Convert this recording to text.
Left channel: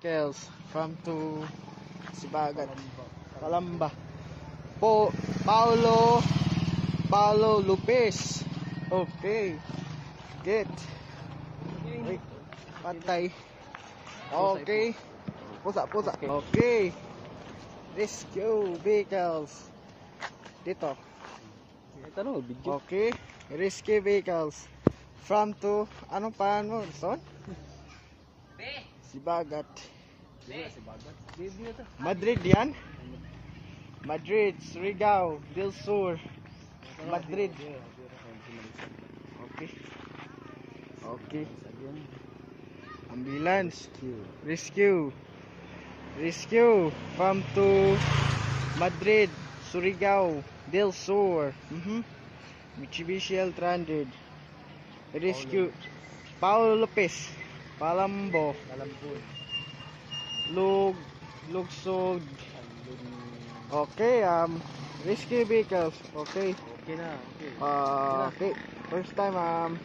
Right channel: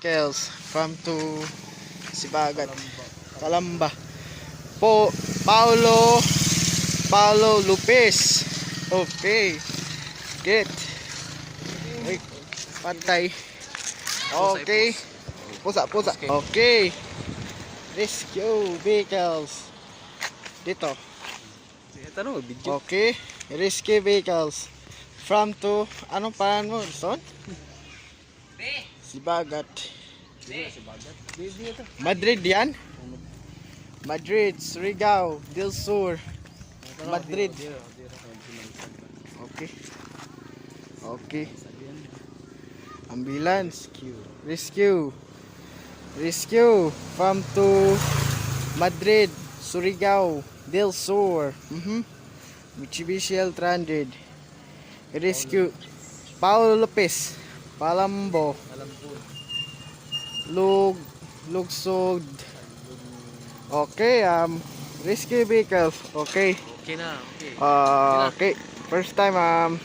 vehicles from to Sibagat, Calamba. Paulo Lopez. Okay. Get. Wait. Pantay. Okay. Pusa. Okay. Rescue vehicles. Dito. Okay. Rescue vehicles. From to, anong pangalan mo? Son? Sibagat. Madrid yan? Madrid, Surigao, Del Sur. Madrid. Okay. Okay. Ambulance. Rescue. From to Madrid, Surigao, Del Sur. Mitsubishi L300. Rescue. Paulo Lopez. Palambo. Lugsod. Okay, rescue vehicles. Okay. Okay na, okay. Okay. First time,